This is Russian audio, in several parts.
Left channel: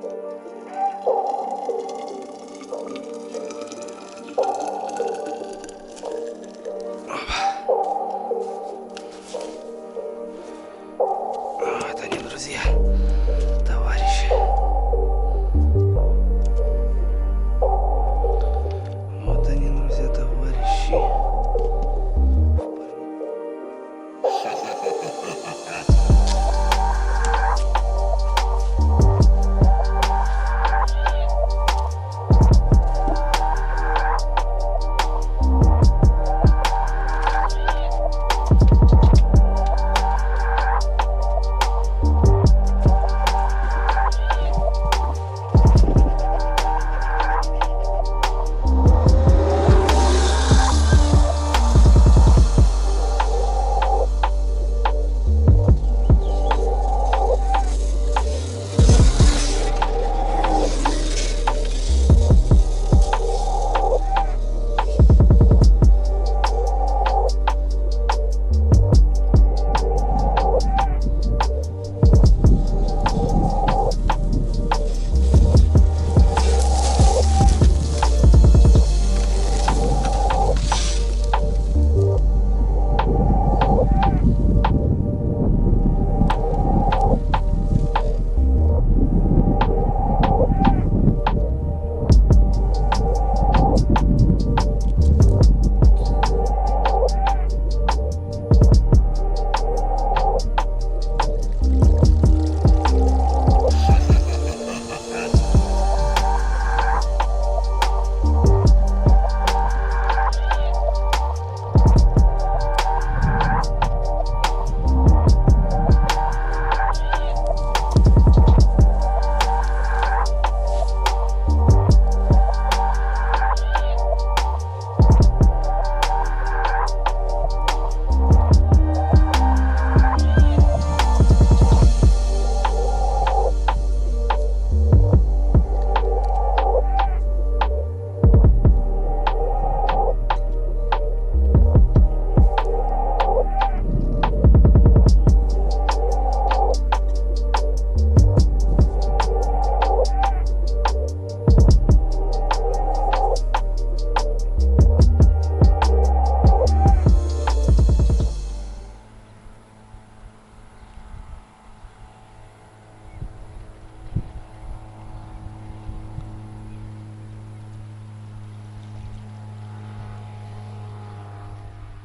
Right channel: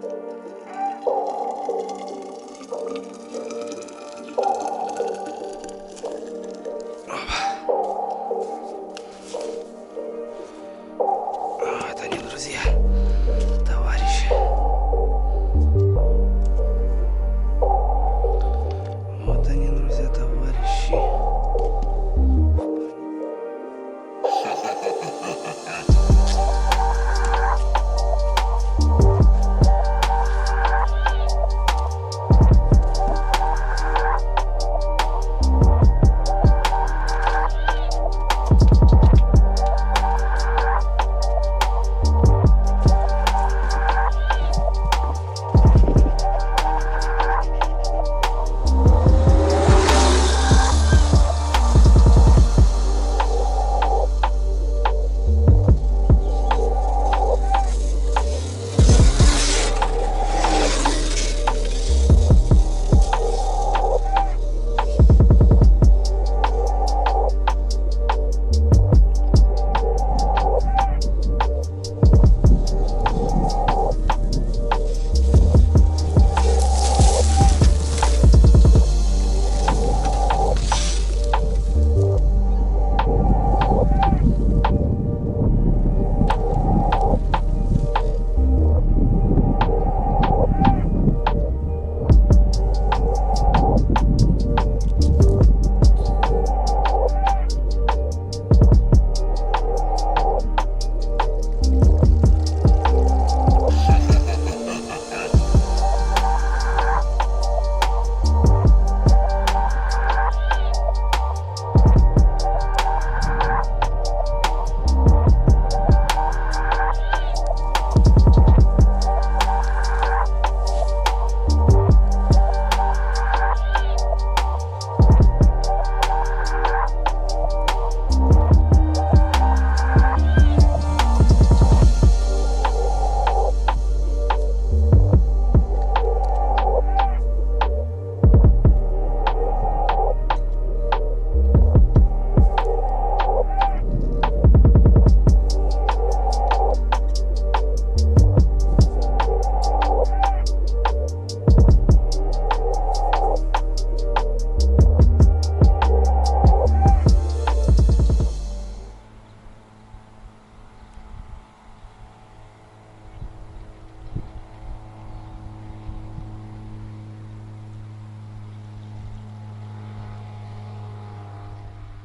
Вот они, друзья, товарищи. Вот они, друзья, товарищи.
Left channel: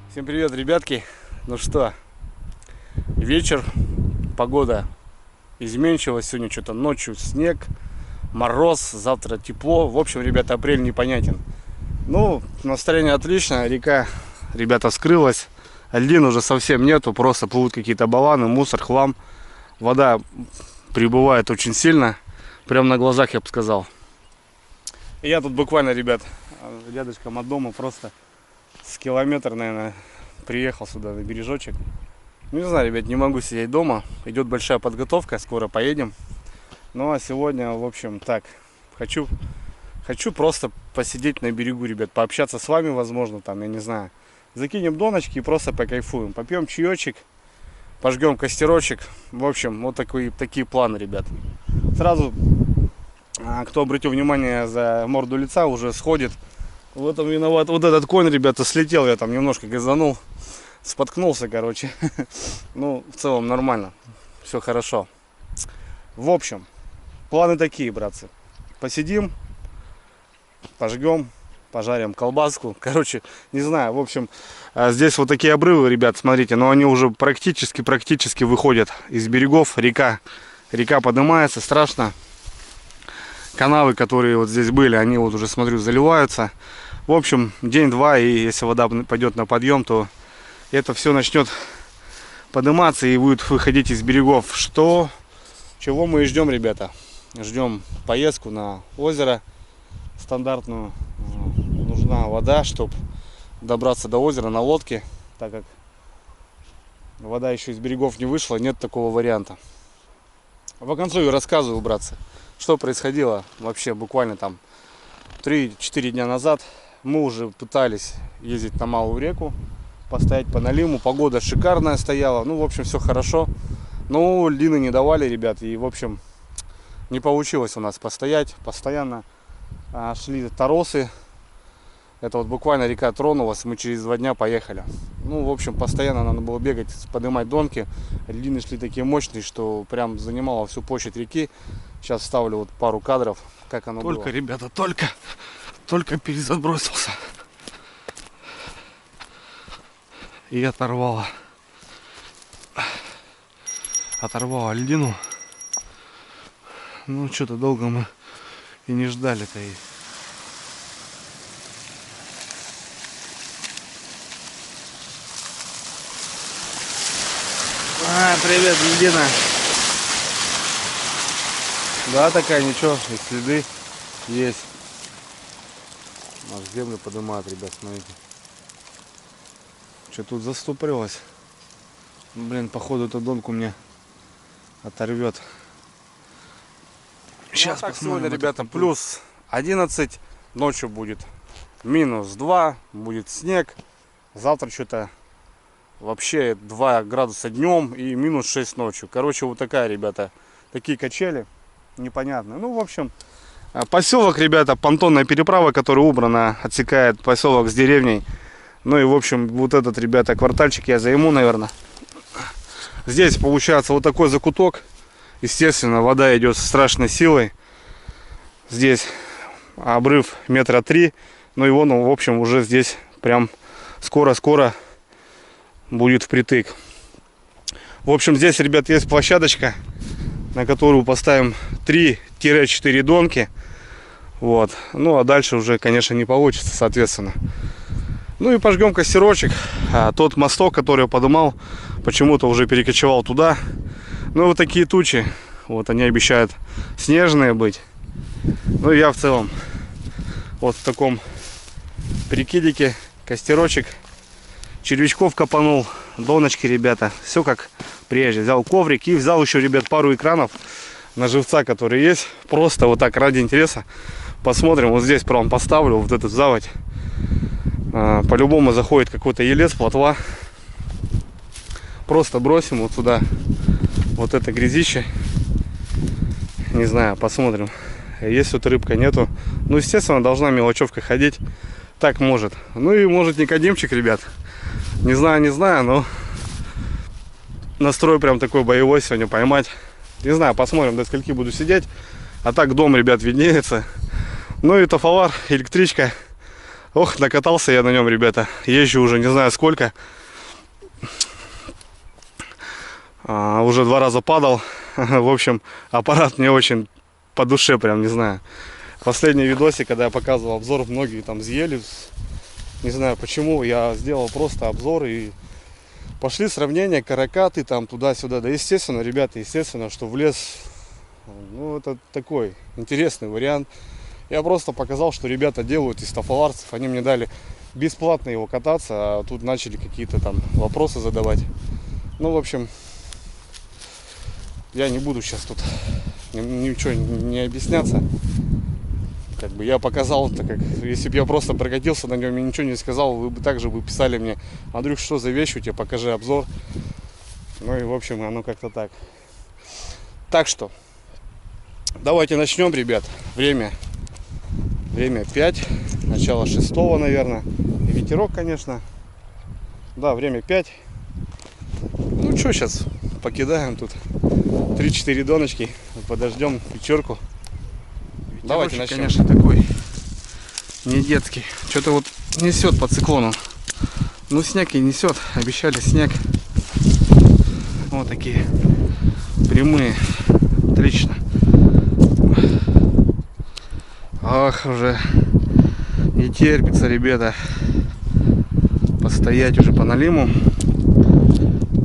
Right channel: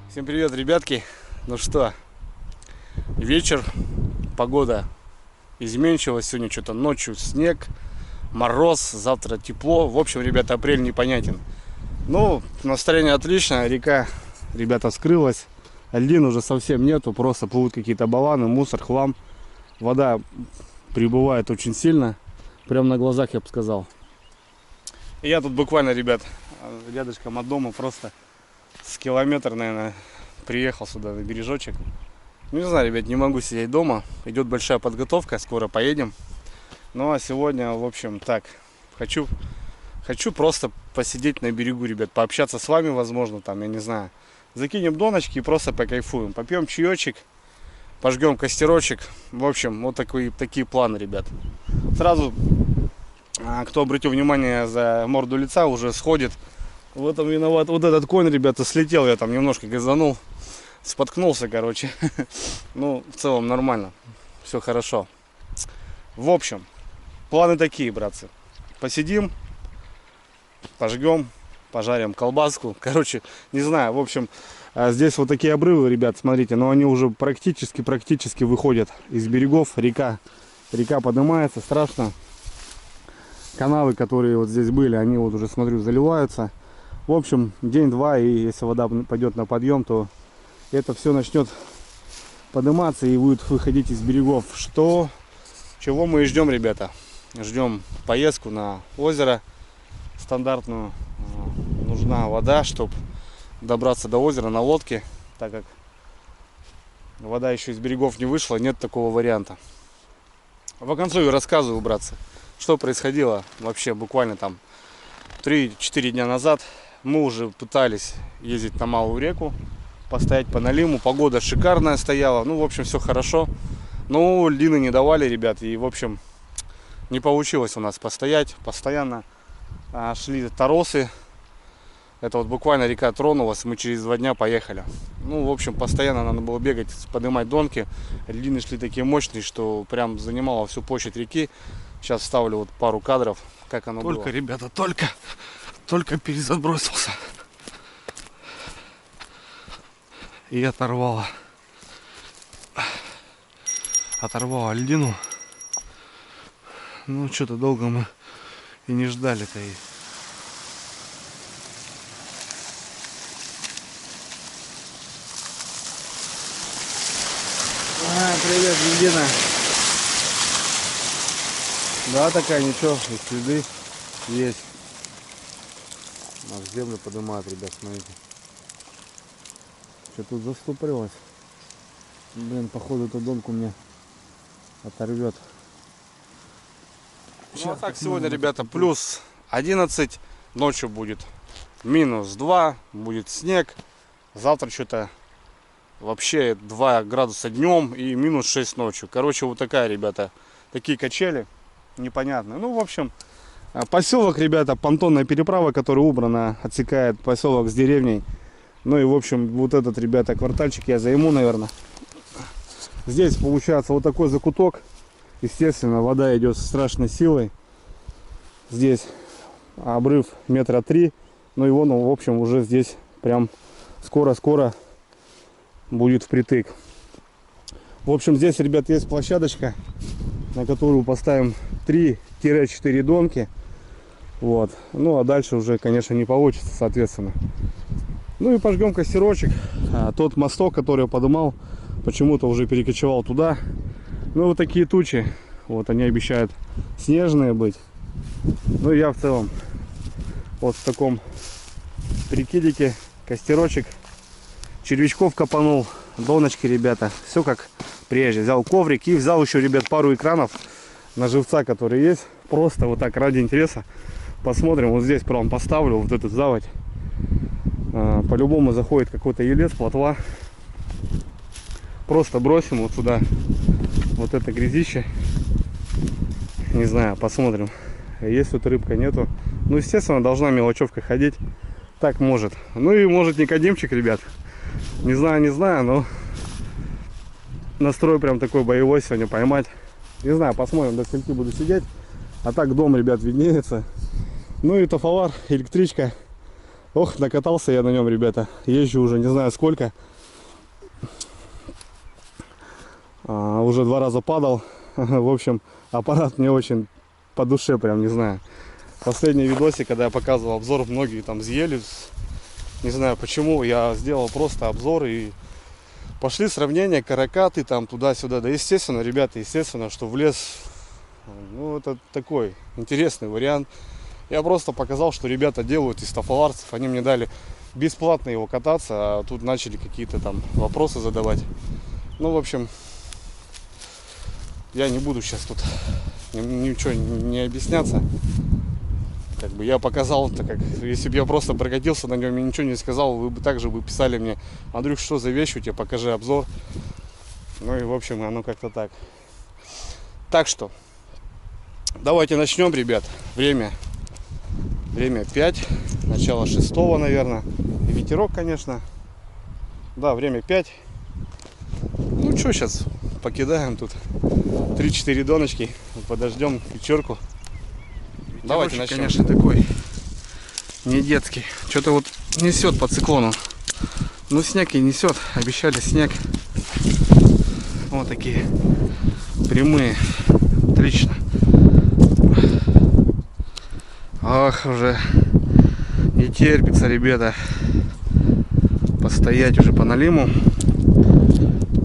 Всем привет, ребятки. Ну что, вечер, погода изменчивая. Сегодня что-то ночью снег, мороз, завтра тепло. В общем, ребята, апрель непонятен. Ну, настроение отличное. Река, ребята, скрылась. Льдин уже совсем нету. Просто плывут какие-то баллоны, мусор, хлам. Вода прибывает очень сильно. Прямо на глазах, я бы сказал. И я тут буквально, ребят, рядышком от дома, просто с километр, наверное, приехал сюда на бережочек. Ну, не знаю, ребят, не могу сидеть дома. Идет большая подготовка, скоро поедем. Ну, а сегодня, в общем, так, хочу просто посидеть на берегу, ребят, пообщаться с вами, возможно, там, я не знаю. Закинем доночки и просто покайфуем. Попьем чаечек, пожгем костерочек. В общем, вот такие планы, ребят. Сразу, кто обратил внимание, за морду лица уже сходит. В этом виноват вот этот конь, ребята, слетел, я там немножко газанул, споткнулся, короче. Ну, в целом нормально, все хорошо. В общем, планы такие, братцы. Посидим, пожгем, пожарим колбаску. Короче, не знаю, в общем, здесь вот такие обрывы, ребят, смотрите, но они уже практически выходят из берегов. Река поднимается, страшно. Канавы, которые вот здесь были, они вот уже, смотрю, заливаются. В общем, день-два, и если вода пойдет на подъем, то это все начнет подниматься и будет выходить из берегов. Чего мы и ждем, ребята? Ждем поездку на озеро стандартную. Нужна вода, чтобы добраться до озера на лодке, так как вода еще из берегов не вышла, нет такого варианта. В конце рассказываю, братцы, что происходило вообще буквально там 3-4 дня назад. Мы уже пытались ездить на Малую реку, постоять по налиму. Погода шикарная стояла. Ну, в общем, все хорошо. Но льдины не давали, ребят. И, в общем, не получилось у нас постоять. Постоянно шли торосы. Это вот буквально река тронулась, мы через 2 дня поехали. Ну, в общем, постоянно надо было бегать, поднимать донки. Льдины шли такие мощные, что прям занимало всю площадь реки. Сейчас вставлю вот пару кадров, как оно было. Только, ребята, только перезабросился. И оторвало льдину. Ну, что-то долго мы и не ждали-то. Привет, льдина. Да, такая, ничего, и следы есть. Аж землю поднимает, ребят, смотрите. Что тут застопорилось? Блин, походу эту донку мне оторвет. Сейчас так сегодня, ребята, плюс 11, ночью будет минус 2, будет снег. Завтра что-то вообще 2 градуса днем и минус 6 ночью. Короче, вот такая, ребята, такие качели непонятные. Ну, в общем, поселок, ребята, понтонная переправа, которая убрана, отсекает поселок с деревней. Ну и, в общем, вот этот, ребята, квартальчик я займу, наверное. Здесь получается вот такой закуток. Естественно, вода идет с страшной силой. Здесь обрыв 3 метра. Ну и вон, в общем, уже здесь прям скоро-скоро будет впритык. В общем, здесь, ребят, есть площадочка, на которую поставим 3-4 донки. Вот. Ну а дальше уже, конечно, не получится, соответственно. Ну и пожгем костерочек. Тот мосток, который я подымал, почему-то уже перекочевал туда. Ну вот такие тучи. Вот они обещают снежные быть. Ну и я в целом вот в таком прикидике костерочек. Червячков копанул, доночки, ребята. Все как прежде. Взял коврик и взял еще, ребят, пару экранов на живца, которые есть. Просто вот так ради интереса посмотрим. Вот здесь прям поставлю вот эту заводь. По-любому заходит какой-то елец, плотва. Просто бросим вот сюда вот это грязище. Не знаю, посмотрим. Есть тут рыбка, нету. Ну, естественно, должна мелочевка ходить. Так может. Ну и может Никодимчик, ребят. Не знаю, но настрой прям такой боевой сегодня поймать. Не знаю, посмотрим, до скольки буду сидеть. А так дом, ребят, виднеется. Ну и тофовар, электричка. Ох, накатался я на нем, ребята. Езжу уже не знаю сколько. Уже 2 раза падал. В общем, аппарат мне очень по душе, прям не знаю. Последний видосик, когда я показывал обзор, многие там съели. Не знаю почему, я сделал просто обзор и пошли сравнения, каракаты там туда-сюда. Да, естественно, ребята, естественно, что в лес, ну, это такой интересный вариант. Я просто показал, что ребята делают из тофоварцев. Они мне дали бесплатно его кататься, а тут начали какие-то там вопросы задавать. Ну, в общем, я не буду сейчас тут ничего не объясняться. Как бы я показал, так как если бы я просто прокатился на нем и ничего не сказал, вы бы также бы писали мне: Андрюх, что за вещь у тебя, покажи обзор. Ну и в общем, оно как-то так. Так что давайте начнем, ребят. Время 5, начало 6, наверное. И ветерок, конечно. Да, время 5. Ну что, сейчас покидаем тут 3-4 доночки, подождем вечерку. Давайте начнем. Конечно, такой не детский. Что-то вот несет по циклону. Ну, снег и несет. Обещали снег. Вот такие прямые. Отлично. Ах, уже не терпится, ребята, постоять уже по налиму.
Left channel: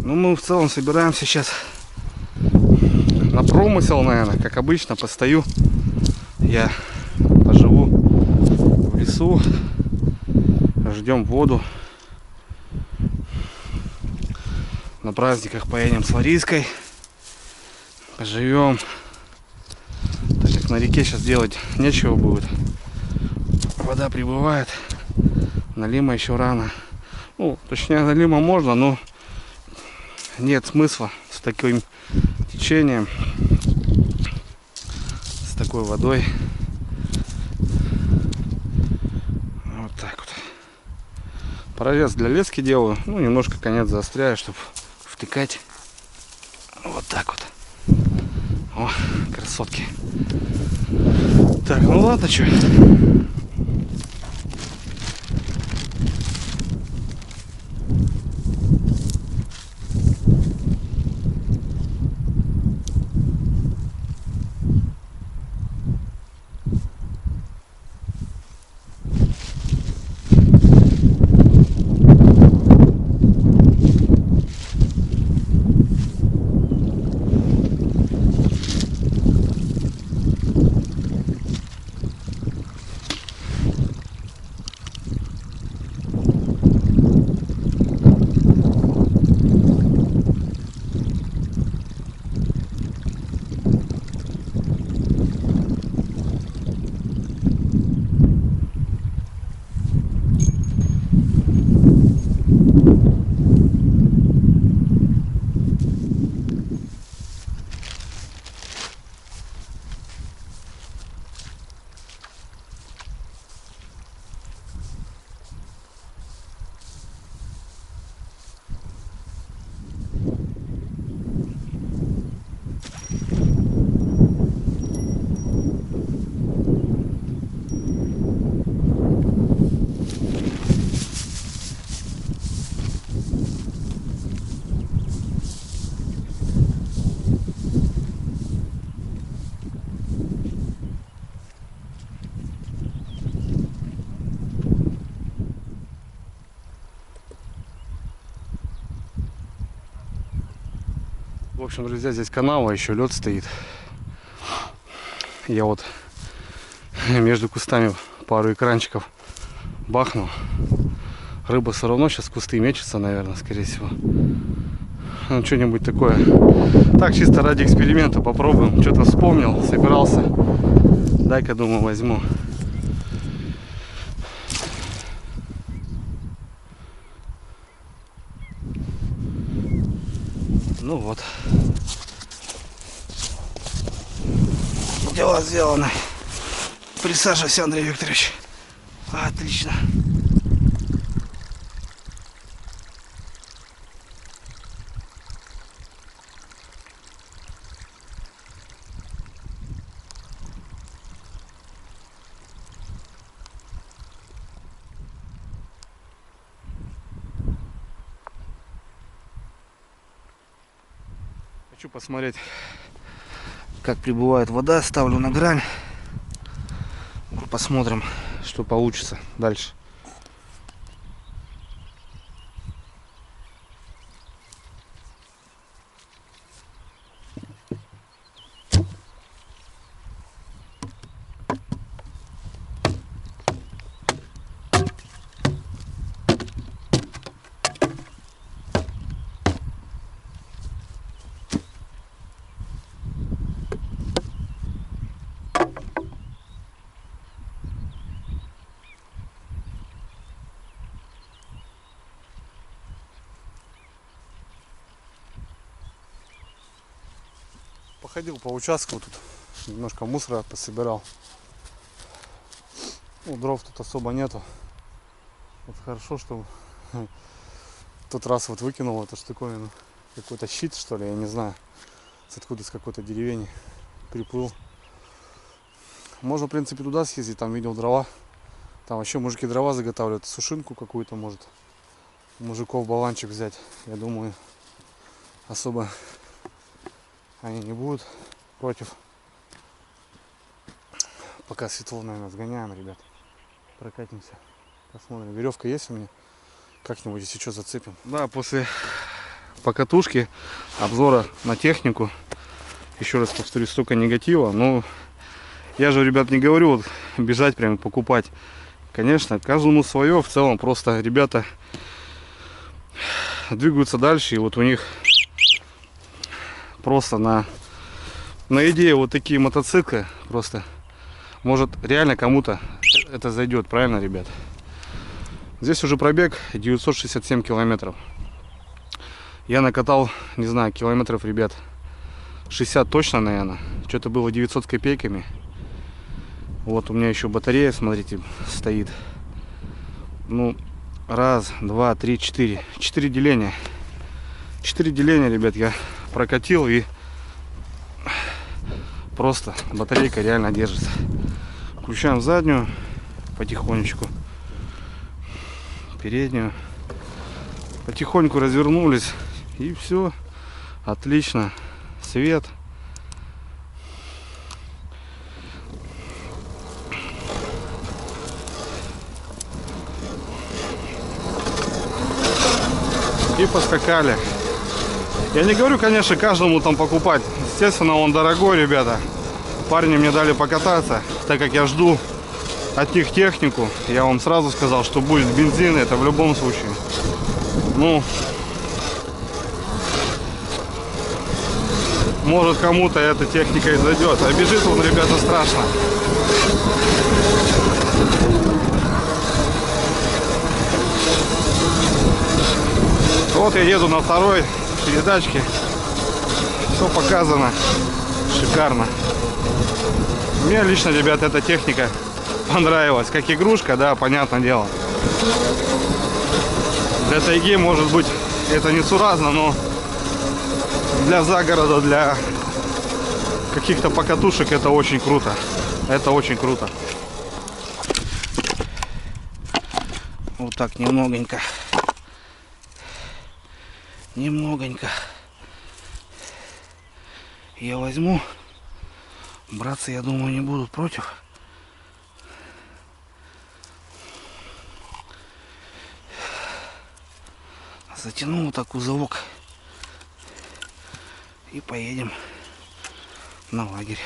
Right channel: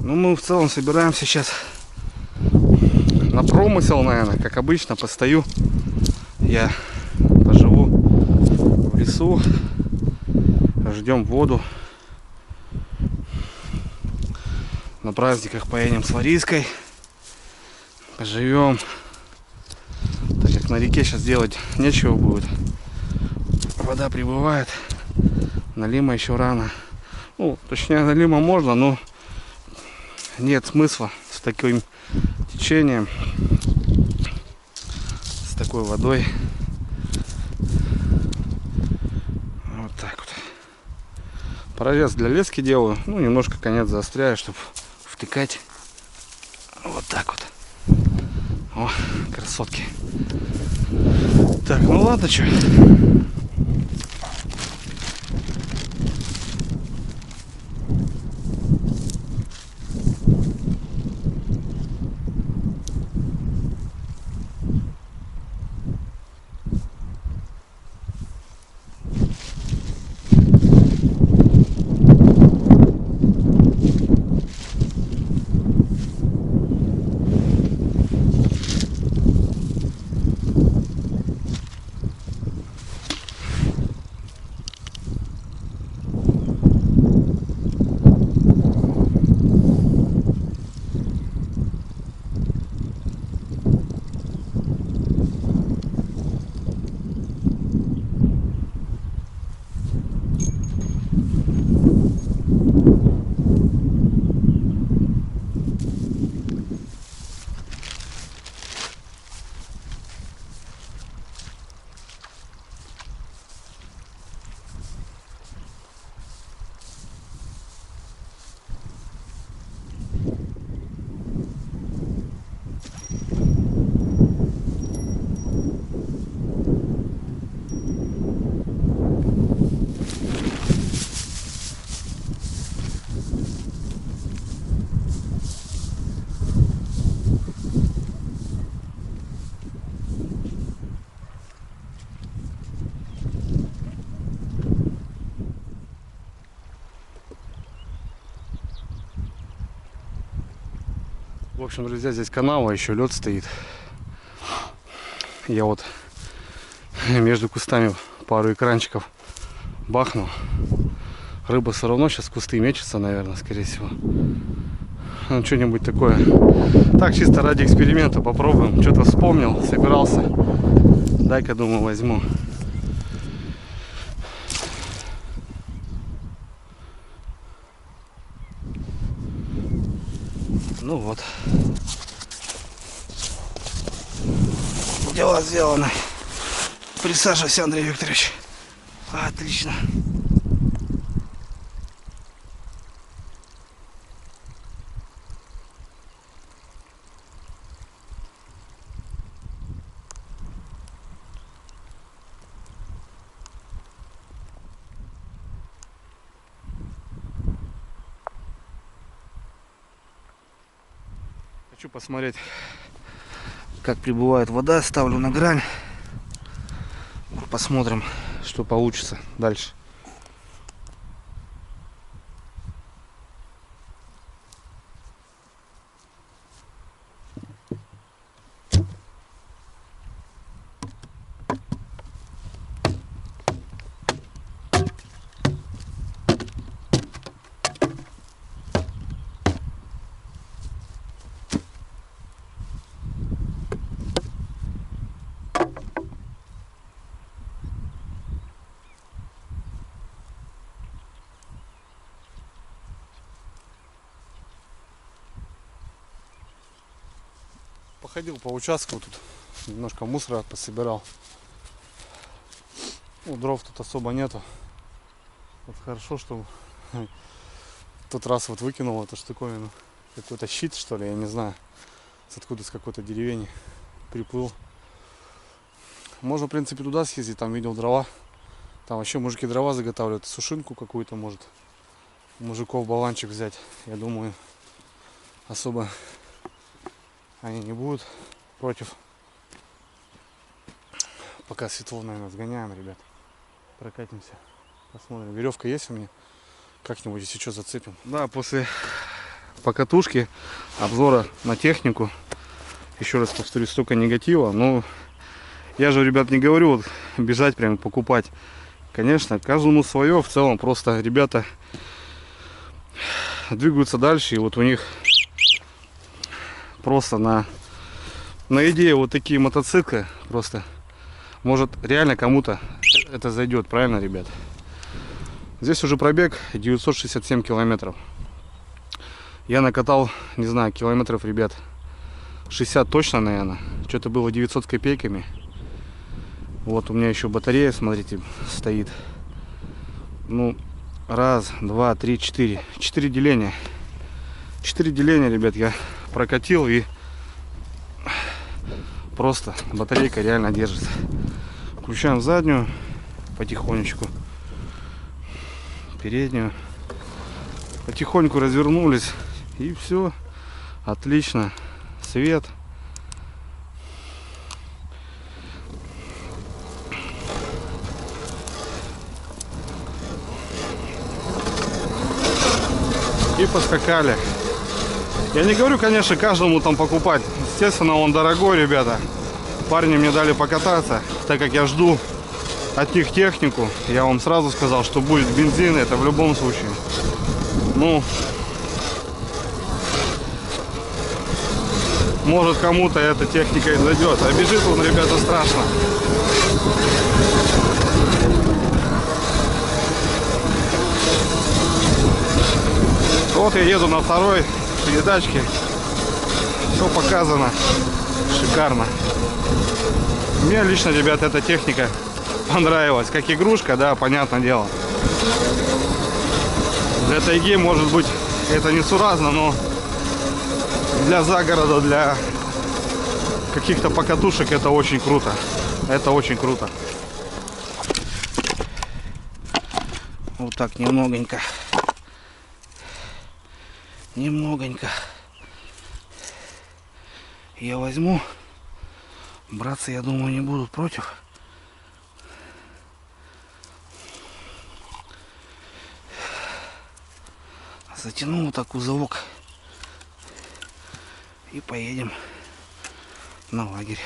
Ну, мы в целом собираемся сейчас на промысел, наверное, как обычно. Постою, я поживу в лесу, ждем воду. На праздниках поедем с Лариской, поживем. Так как на реке сейчас делать нечего будет. Вода прибывает. Налима еще рано. Ну, точнее, налима можно, но нет смысла с таким течением. такой водой. Вот так вот. Прорез для лески делаю. Ну, немножко конец заостряю, чтобы втыкать. Вот так вот. О, красотки. Так, ну ладно, что. В общем, друзья, здесь канава, еще лед стоит. Я вот между кустами пару экранчиков бахнул. Рыба все равно сейчас в кусты мечется, наверное, скорее всего. Ну, что-нибудь такое. Так, чисто ради эксперимента попробуем. Что-то вспомнил, собирался. Дай-ка, думаю, возьму. Ну вот. Дело сделано. Присаживайся, Андрей Викторович. Отлично. Хочу посмотреть, как прибывает вода. Ставлю на грань. Посмотрим, что получится дальше. Походил по участку, тут немножко мусора пособирал. Ну, дров тут особо нету. Вот хорошо, что в тот раз вот выкинул эту штуковину. Какой-то щит, что ли, я не знаю. Откуда, с какой-то деревни приплыл. Можно, в принципе, туда съездить, там видел дрова. Там вообще мужики дрова заготавливают, сушинку какую-то, может, мужиков баланчик взять. Я думаю, особо они не будут против. Пока светло, наверное, сгоняем, ребят. Прокатимся, посмотрим. Веревка есть у меня? Как-нибудь, если что, зацепим. Да, после покатушки, обзора на технику, еще раз повторюсь, столько негатива. Но я же, ребят, не говорю вот бежать прям покупать. Конечно, каждому свое. В целом просто ребята двигаются дальше. И вот у них просто на идее вот такие мотоциклы. Просто может реально кому-то это зайдет. Правильно, ребят? Здесь уже пробег 967 километров. Я накатал, не знаю, километров, ребят, 60 точно, наверное. Что-то было 900 с копейками. Вот у меня еще батарея, смотрите, стоит. Ну, раз, два, три, четыре. 4 деления. 4 деления, ребят, я прокатил, и просто батарейка реально держится. Включаем заднюю потихонечку, переднюю. Потихоньку развернулись, и все. Отлично. Свет. И поскакали. Я не говорю, конечно, каждому там покупать. Естественно, он дорогой, ребята. Парни мне дали покататься, так как я жду от них технику. Я вам сразу сказал, что будет бензин, это в любом случае. Ну, может, кому-то эта техника и зайдет. А бежит он, ребята, страшно. Вот я еду на второй передачке. Все показано. Шикарно. Мне лично, ребят, эта техника понравилась. Как игрушка, да, понятное дело. Для тайги, может быть, это несуразно, но для загорода, для каких-то покатушек это очень круто. Это очень круто. Вот так немногонько. Немногонько я возьму. Братцы, я думаю, не будут против. Затяну вот так узелок и поедем на лагерь.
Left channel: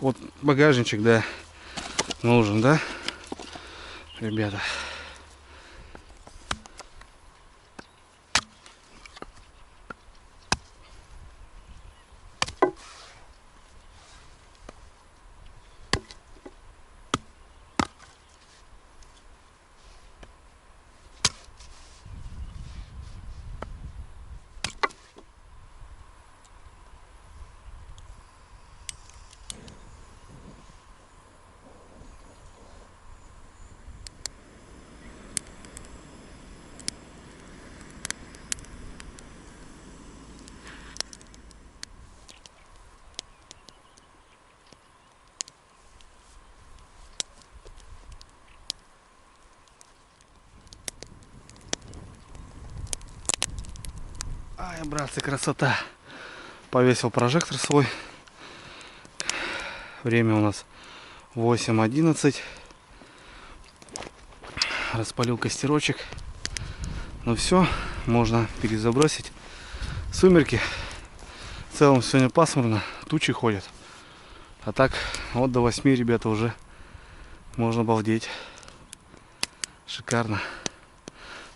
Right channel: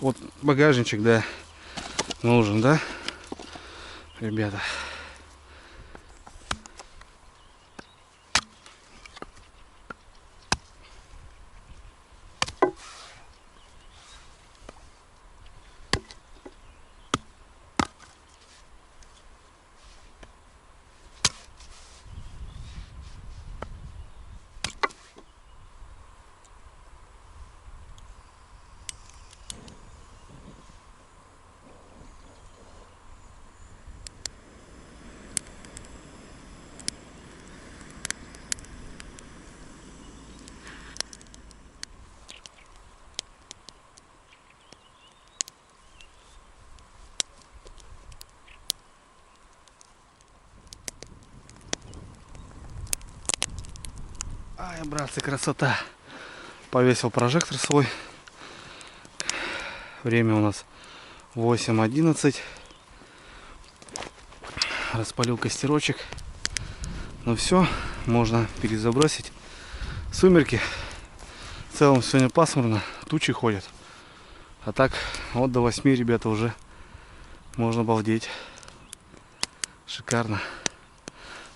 Вот багажничек, да, нужен, да, ребята. Ай, братцы, красота. Повесил прожектор свой. Время у нас 8:11. Распалил костерочек. Ну все, можно перезабросить. Сумерки. В целом сегодня пасмурно, тучи ходят. А так, вот до 8, ребята, уже можно балдеть. Шикарно.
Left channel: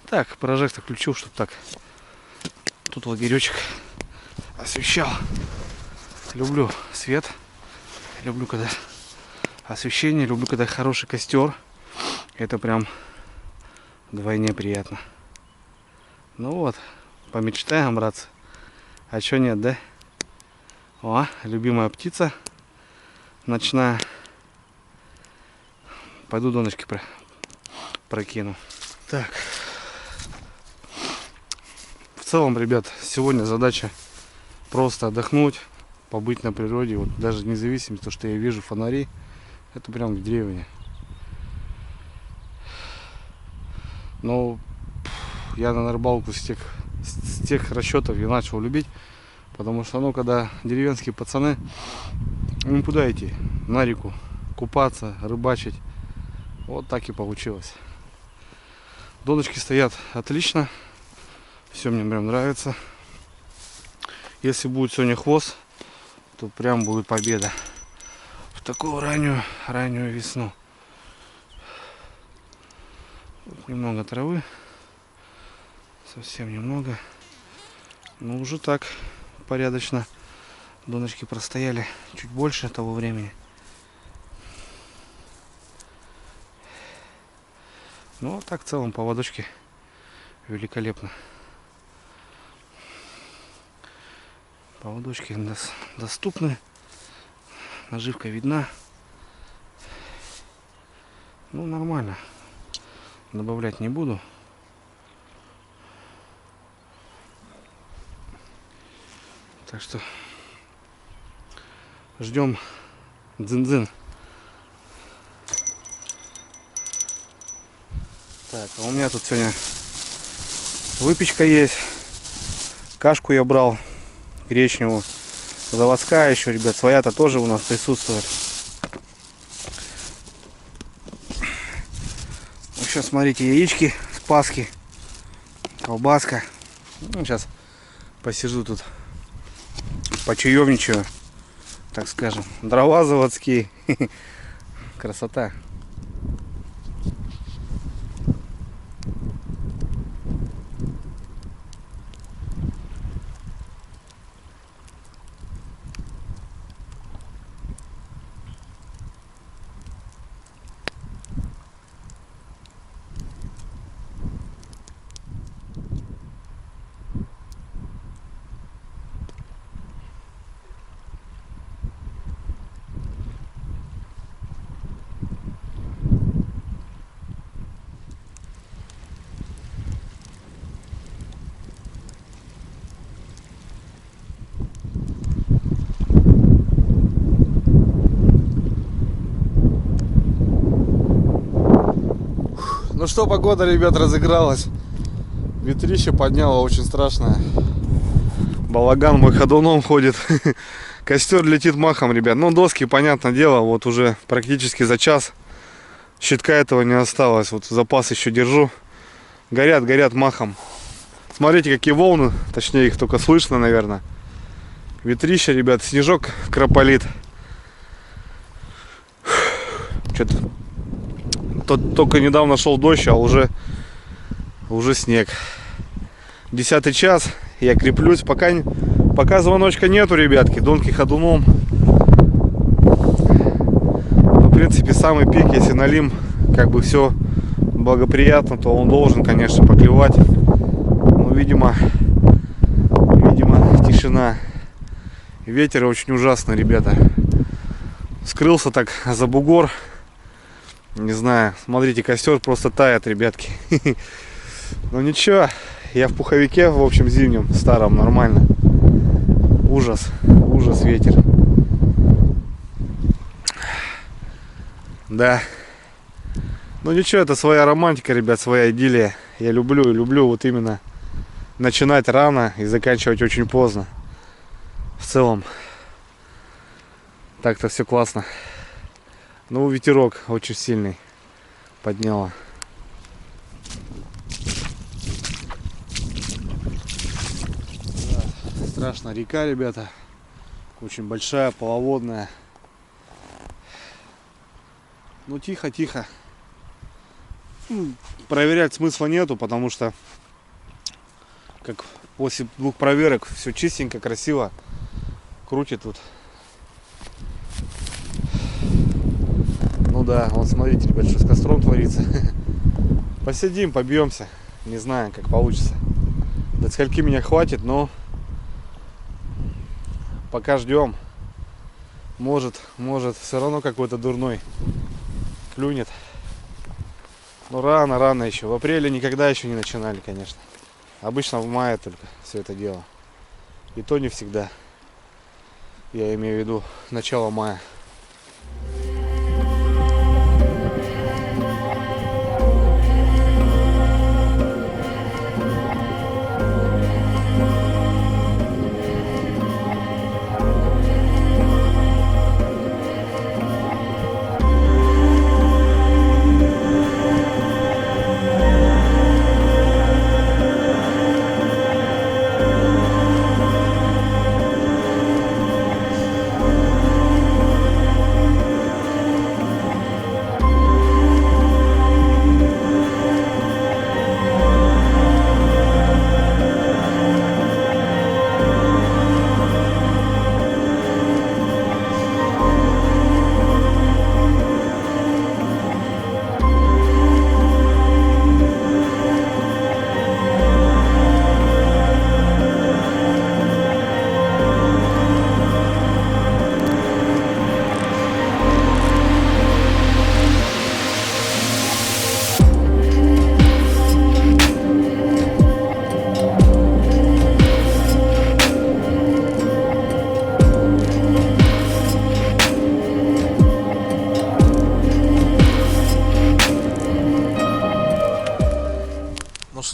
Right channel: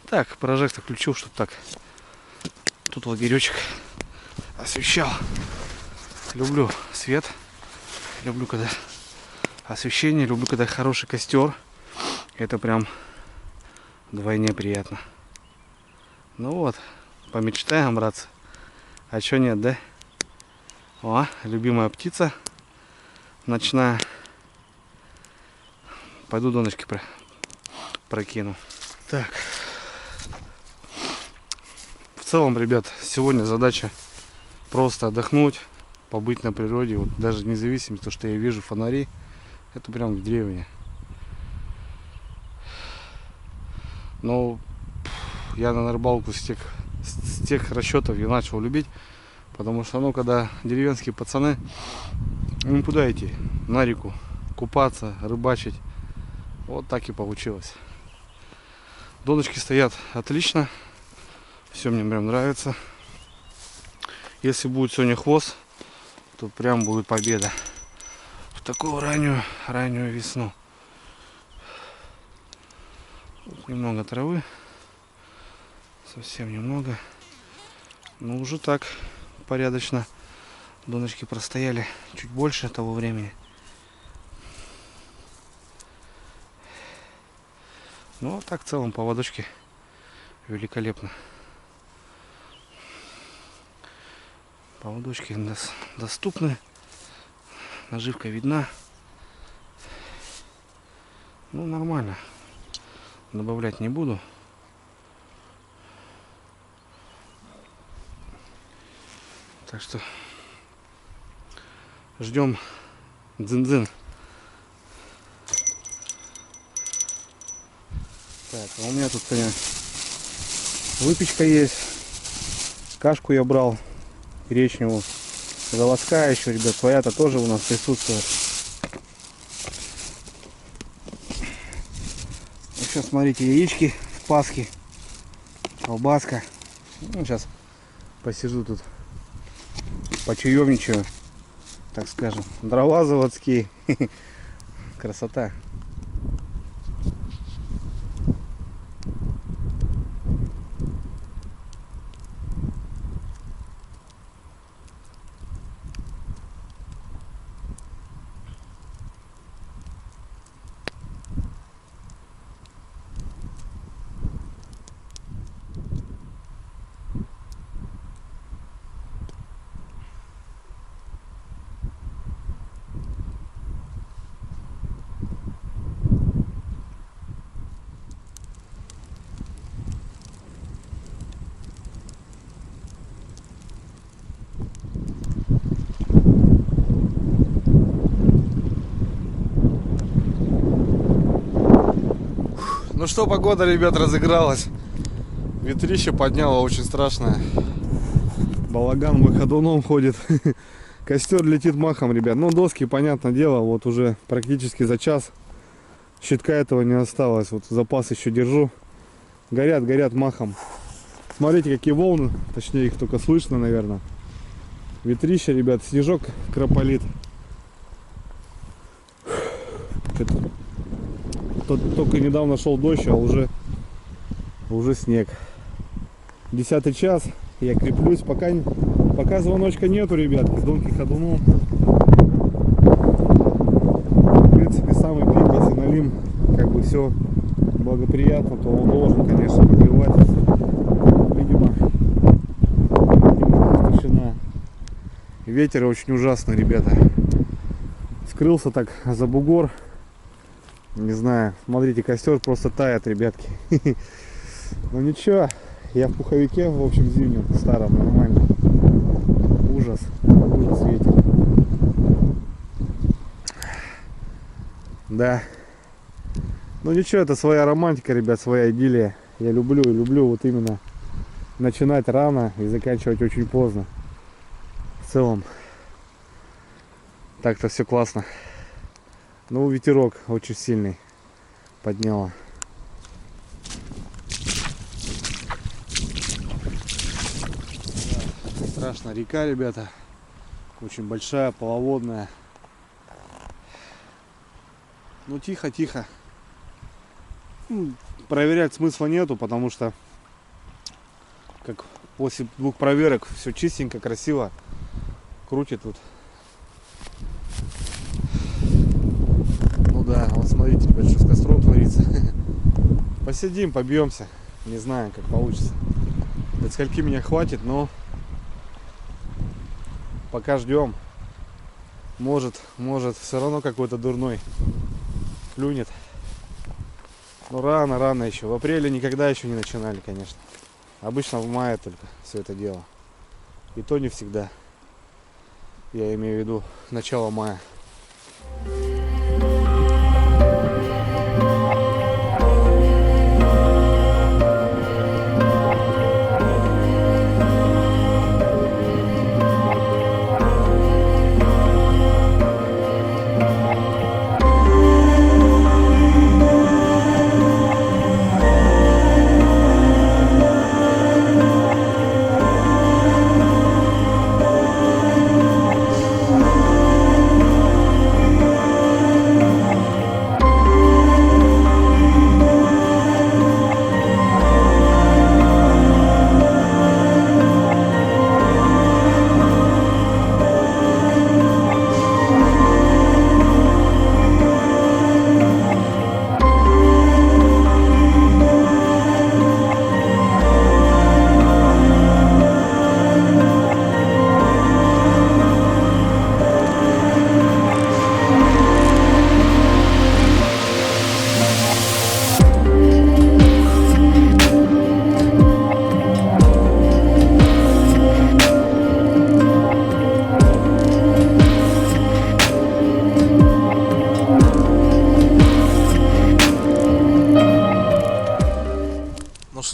Так, прожектор включил, чтобы так тут лагеречек освещал. Люблю свет. Люблю, когда освещение. Люблю, когда хороший костер. Это прям вдвойне приятно. Ну вот, помечтаем, братцы. А чё нет, да? О, любимая птица ночная. Пойду донышки прокину. Так. В целом, ребят, сегодня задача просто отдохнуть, побыть на природе. Вот даже независимо от того, что я вижу фонари, это прям в деревне. Но я на рыбалку с тех расчетов я начал любить, потому что, ну, когда деревенские пацаны, им куда идти? На реку купаться, рыбачить. Вот так и получилось. Доночки стоят отлично. Все мне прям нравится. Если будет сегодня хвост, то прям будет победа. В такую раннюю весну. Тут немного травы. Совсем немного. Но уже так порядочно. Донышки простояли чуть больше того времени. Ну, а так в целом поводочки великолепно. Поводочки доступны. наживка видна. Ну, нормально. Добавлять не буду. Так что ждем дзин-дзин. Так, а у меня тут сегодня выпечка есть. Кашку я брал гречневую. Заводская еще, ребят, своя-то тоже у нас присутствует. Сейчас смотрите, яички с Пасхи, колбаска. Ну, сейчас посижу тут, почаевничаю, так скажем. Дрова заводские. Красота. Ну что, погода, ребят, разыгралась. Ветрище подняло очень страшное. Балаган мой ходуном ходит. Костер летит махом, ребят. Ну, доски, понятное дело, вот уже практически за час. Щитка этого не осталось. Вот запас еще держу. Горят, горят махом. Смотрите, какие волны. Точнее, их только слышно, наверное. Ветрище, ребят. Снежок крополит. Что-то только недавно шел дождь, а уже снег. 10-й час. Я креплюсь. Пока звоночка нету, ребятки. Донки ходуном. Ну, в принципе, самый пик, если налим, как бы все благоприятно, то он должен, конечно, поклевать. Но, видимо, тишина. Ветер очень ужасный, ребята. Скрылся так за бугор. Не знаю, смотрите, костер просто тает, ребятки. Ну ничего, я в пуховике, в общем, зимнем, старом, нормально. Ужас, ужас, ветер. Да. Ну ничего, это своя романтика, ребят, своя идиллия. Я люблю вот именно начинать рано и заканчивать очень поздно. В целом, так-то все классно. Ну, ветерок очень сильный подняло. Да, страшно, река, ребята. Очень большая, полноводная. Ну, тихо. Проверять смысла нету, потому что как после 2 проверок все чистенько, красиво. Крутит тут. Ну да, вот смотрите, ребят, что с костром творится. Посидим, побьемся. Не знаю, как получится. До скольки меня хватит, но пока ждем. Может, все равно какой-то дурной клюнет. Но рано еще. В апреле никогда еще не начинали, конечно. Обычно в мае только все это дело. И то не всегда. Я имею в виду начало мая.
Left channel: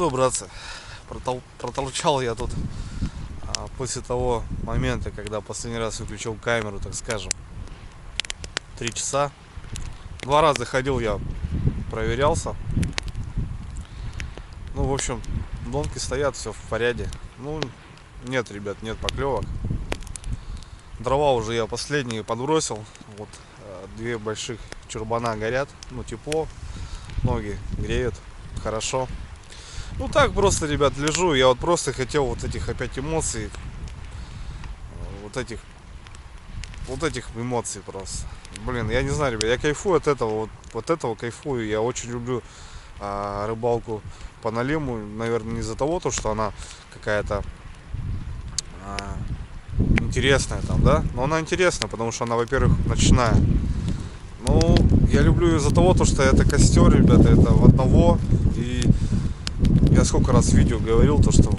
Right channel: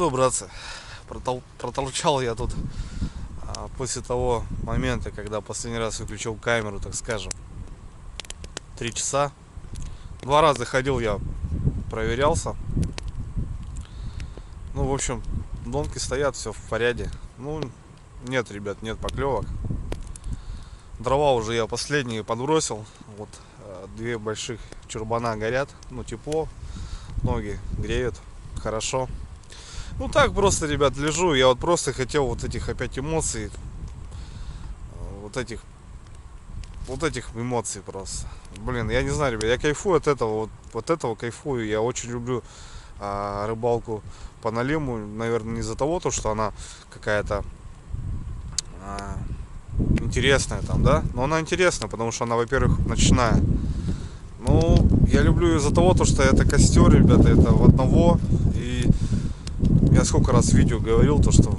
что, братцы, протолчал я тут после того момента, когда последний раз выключил камеру, так скажем, 3 часа. 2 раза ходил я, проверялся. Ну, в общем, донки стоят, все в порядке. Ну, нет, ребят, нет поклевок. Дрова уже я последние подбросил. Вот 2 больших чурбана горят. Ну, тепло, ноги греют, хорошо. Ну так просто, ребят, лежу. Я вот просто хотел вот этих опять эмоций. Вот этих эмоций просто. Блин, я не знаю, ребят, я кайфую от этого. Вот этого кайфую. Я очень люблю рыбалку по налиму. Наверное, не из-за того, что она какая-то интересная там, да? Но она интересная, потому что она, во-первых, ночная. Ну, я люблю ее из-за того, что это костер, ребята, это в одного. И я сколько раз в видео говорил, что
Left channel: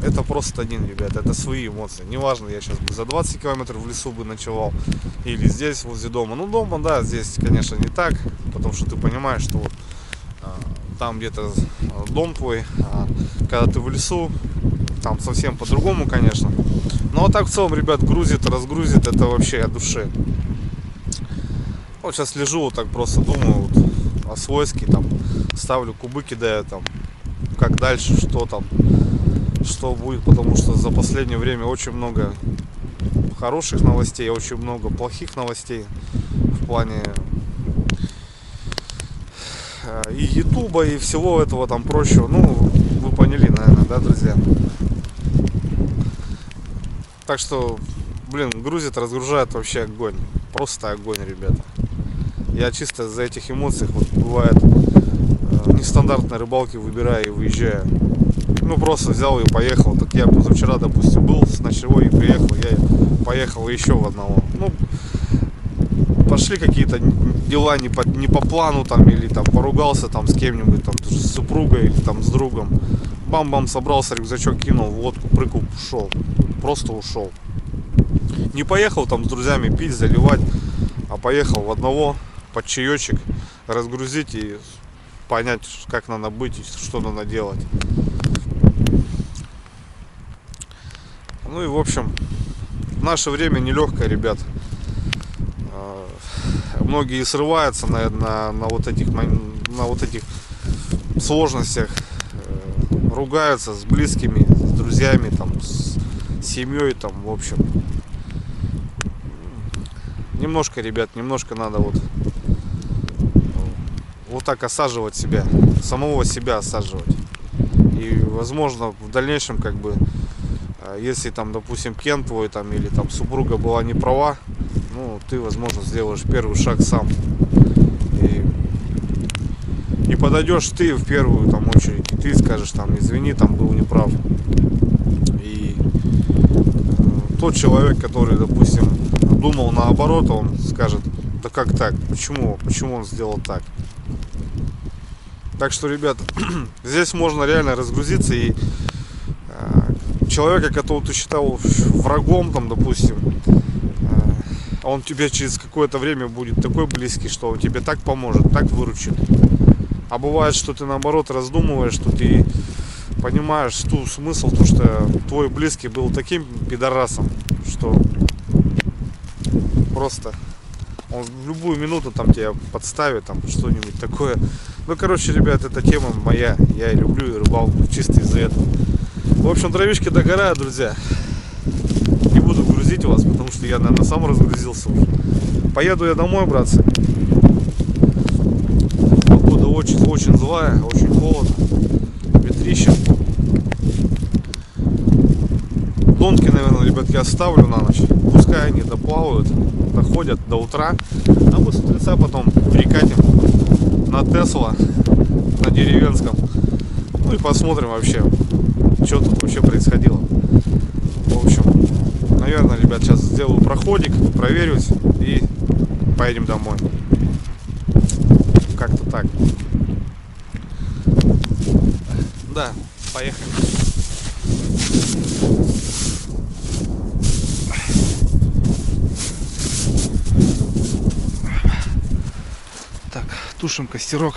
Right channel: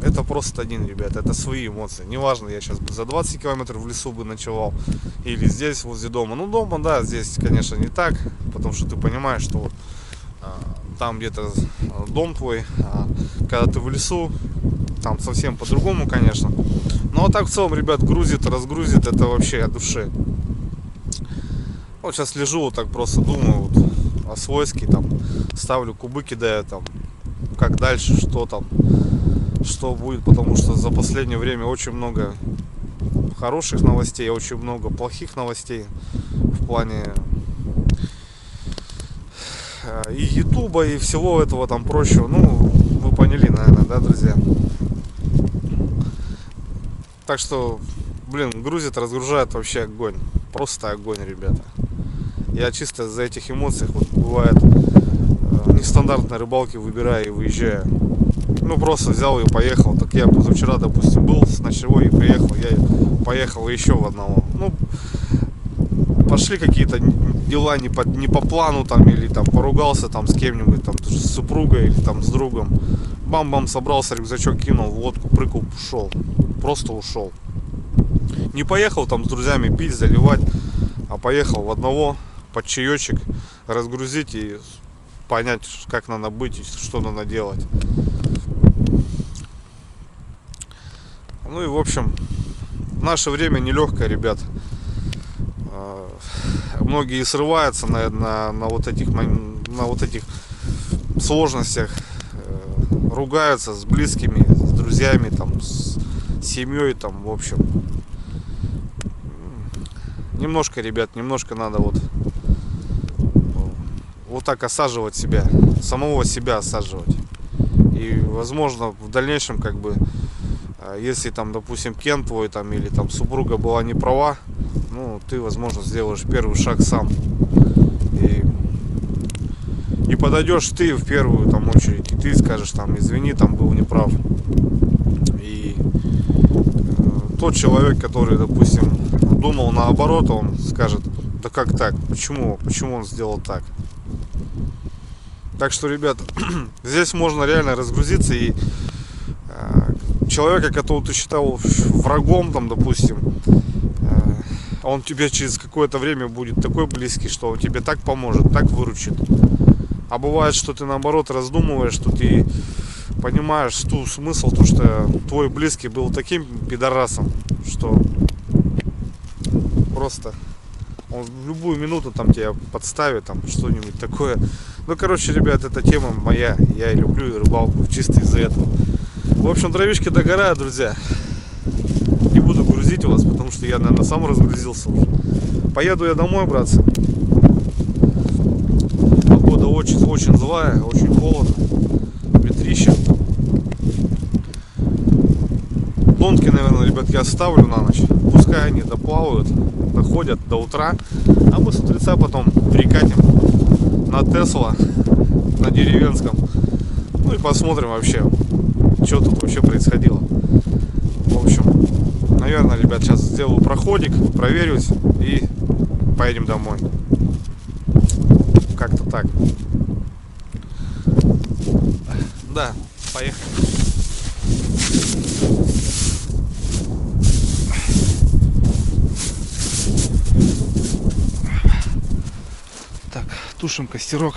это просто один, ребят, это свои эмоции. Неважно, я сейчас бы за 20 километров в лесу бы ночевал или здесь, возле дома. Ну, дома, да, здесь, конечно, не так, потому что ты понимаешь, что вот там где-то дом твой, а когда ты в лесу, там совсем по-другому, конечно. Ну, а так в целом, ребят, грузит, разгрузит, это вообще от души. Вот сейчас лежу, вот так просто думаю, вот, о свойске, там, ставлю кубы, кидаю, там, как дальше, что там, что будет, потому что за последнее время очень много хороших новостей, очень много плохих новостей в плане и ютуба, и всего этого там прочего. Ну, вы поняли, наверное, да, друзья? Так что, блин, грузит, разгружает, вообще огонь. Просто огонь, ребята. Я чисто за этих эмоций, вот бывает, нестандартные рыбалки выбираю и выезжаю. Ну, просто взял и поехал. Так я позавчера, допустим, был с ночевой и приехал. Я поехал еще в одного. Ну, пошли какие-то дела не по плану там, или там поругался там с кем-нибудь, там с супругой или там с другом. Бам-бам, собрался, рюкзачок кинул, водку прыгал, ушел. Просто ушел. Не поехал там с друзьями пить, заливать, а поехал в одного под чаечек, разгрузить и понять, как надо быть и что надо делать. Ну и в общем, в наше время нелегкое, ребят. Многие срываются на вот этих сложностях, ругаются с близкими, с друзьями, там, с семьей, там, в общем. Немножко, ребят, немножко надо вот так осаживать себя, самого себя осаживать. И, возможно, в дальнейшем, как бы, если там, допустим, Кен твой там или там супруга была не права, ну, ты, возможно, сделаешь первый шаг сам. И подойдешь ты в первую там очередь, и ты скажешь там: извини, там был неправ. И тот человек, который, допустим, думал наоборот, он скажет: да как так? Почему он сделал так? Так что, ребят, здесь можно реально разгрузиться, и человека, которого ты считал врагом, там, допустим, он тебе через какое-то время будет такой близкий, что он тебе так поможет, так выручит. А бывает, что ты наоборот раздумываешь, что ты понимаешь ту смысл, то что твой близкий был таким пидорасом, что просто он в любую минуту там тебя подставит, там что-нибудь такое. Ну, короче, ребят, эта тема моя. Я люблю рыбалку чисто из-за этого. В общем, дровишки догорают, друзья. Не буду грузить вас, потому что я, наверное, сам разгрузился уже. Поеду я домой, братцы. Погода очень злая, очень холодно. Ветрище. Донки, наверное, ребят, я оставлю на ночь. Пускай они доплавают, доходят до утра. А мы с утреца потом прикатим на Тесла, на деревенском. Ну и посмотрим вообще, что тут вообще происходило. В общем, наверное, ребят, сейчас сделаю проходик, проверюсь и поедем домой. Как-то так. Да, поехали. Так, тушим костерок.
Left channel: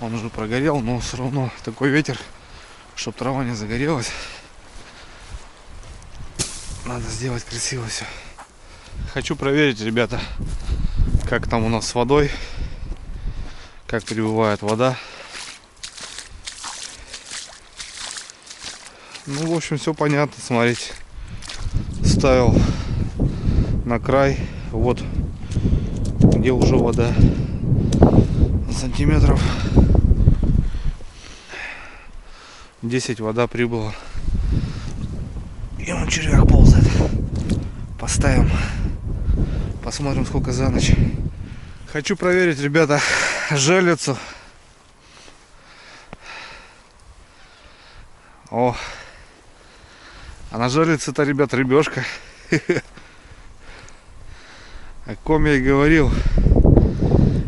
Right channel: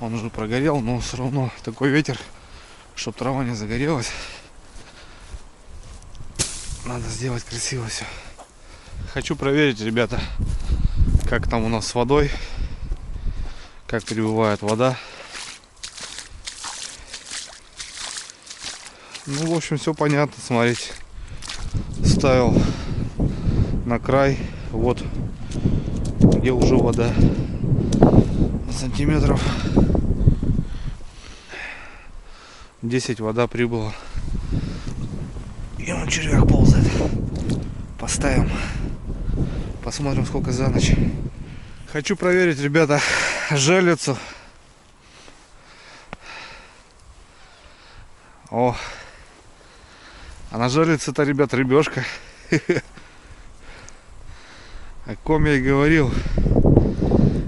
Он уже прогорел, но все равно такой ветер, чтобы трава не загорелась. Надо сделать красиво все. Хочу проверить, ребята, как там у нас с водой, как прибывает вода. Ну, в общем, все понятно, смотрите. Ставил на край, вот где уже вода, сантиметров 10 вода прибыла. И он червяк ползает. Поставим, посмотрим, сколько за ночь. Хочу проверить, ребята, жерлицу. О, а на жерлице-то, ребят, рыбешка. О ком я и говорил.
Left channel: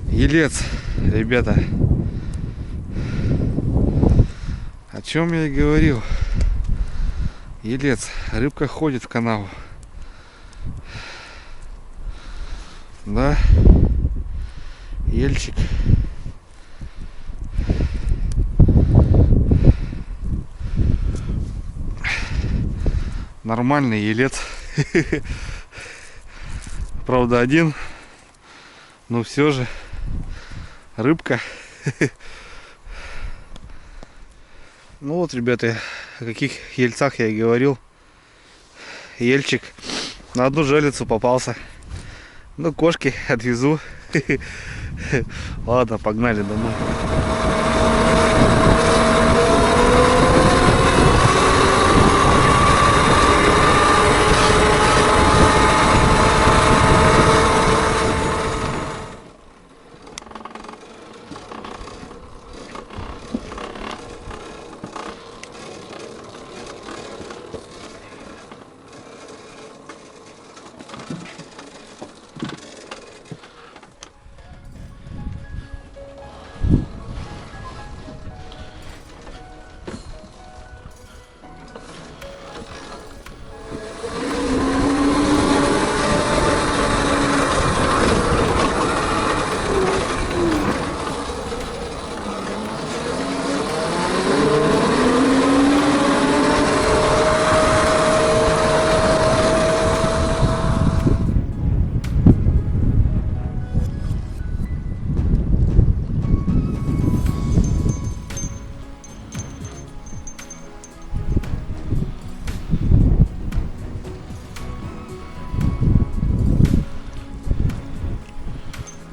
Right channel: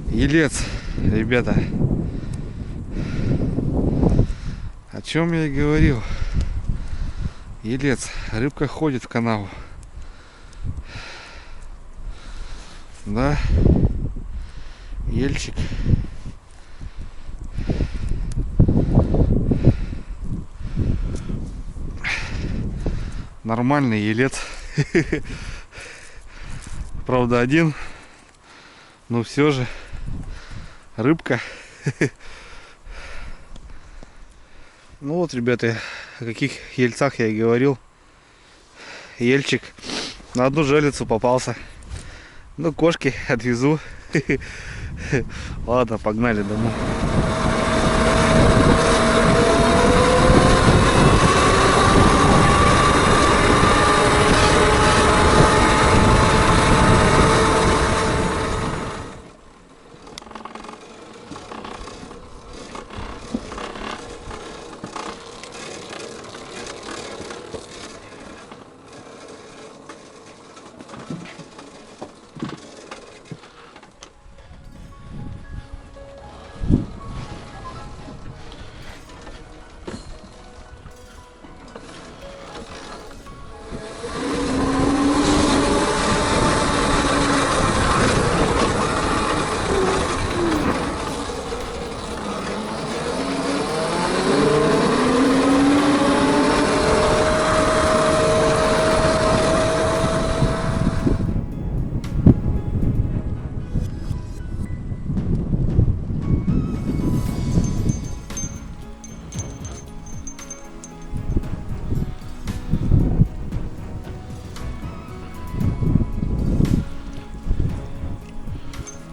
Елец, ребята. О чем я и говорил. Елец. Рыбка ходит в канаву. Да. Ельчик. Нормальный елец. Правда, один. Но все же рыбка. Ну вот, ребята, о каких ельцах я и говорил. Ельчик на одну жерлицу попался. Ну, кошки отвезу. Ладно, погнали домой.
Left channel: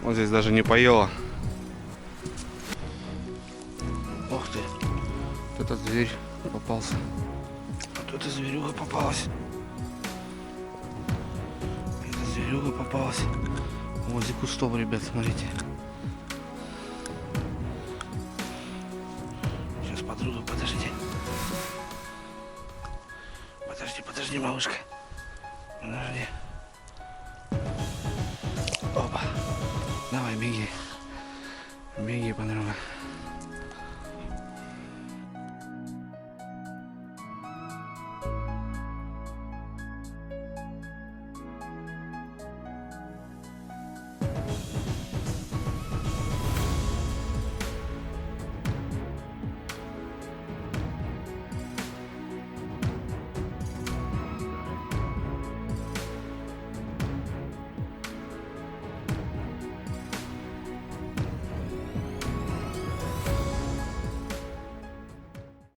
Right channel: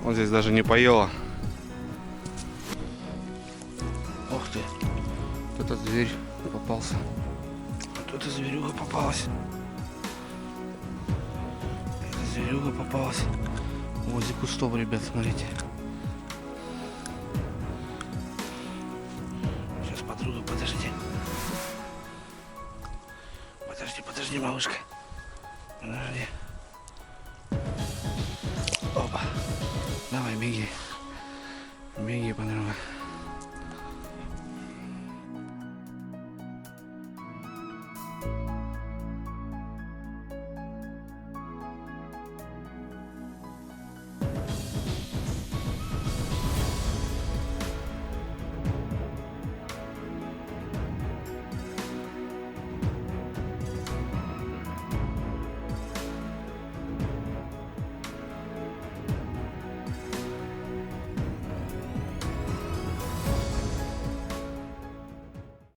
Вот здесь даже не поела. Ох ты. Вот этот зверь попался. Вот эта зверюга попалась. Эта зверюга попалась. Возле кустов, ребят, смотрите. Сейчас, подруга, подождите. Подожди, малышка. Подожди. Опа. Давай, беги. Беги, подруга.